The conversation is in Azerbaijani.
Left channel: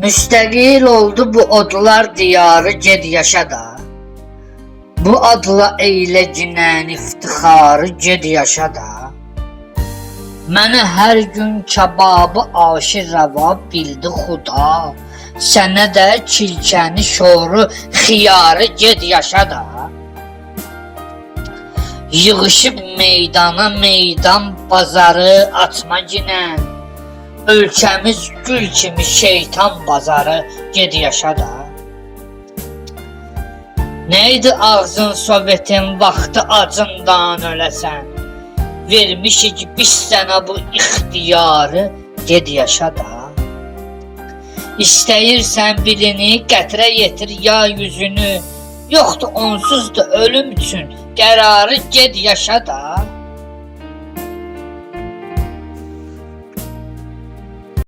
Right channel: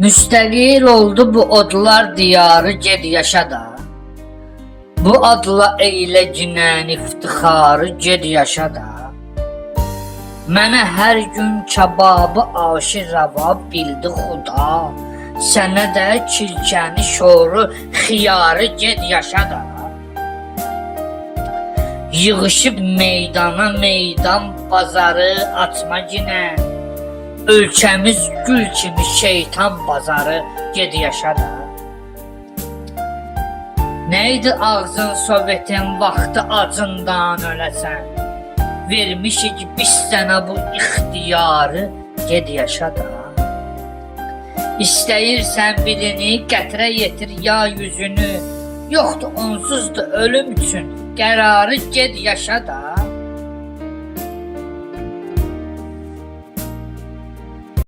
Müstəqil oldu bu odlar diyarı, ged yaşa da. Bu adla eylə cinən iftixarı, ged yaşa da. Mənə hər gün kebabı aşir rava bildi xuda. Sənə də kilkəni şoru xiyarı, ged yaşa da. Yığışıb meydana meydan bazarı açma ginən. Ölkəmiz gül kimi şeytan bazarı, ged yaşa da. Neydi ağzın Sovetin vaxtı acından öləsən? Vermişik biz sənə bu ixtiyarı, ged yaşa da. İstəyirsən bilini qətrə yetir ya yüzünü. Yoxdur onsuz da ölüm üçün qərarı, ged yaşa da.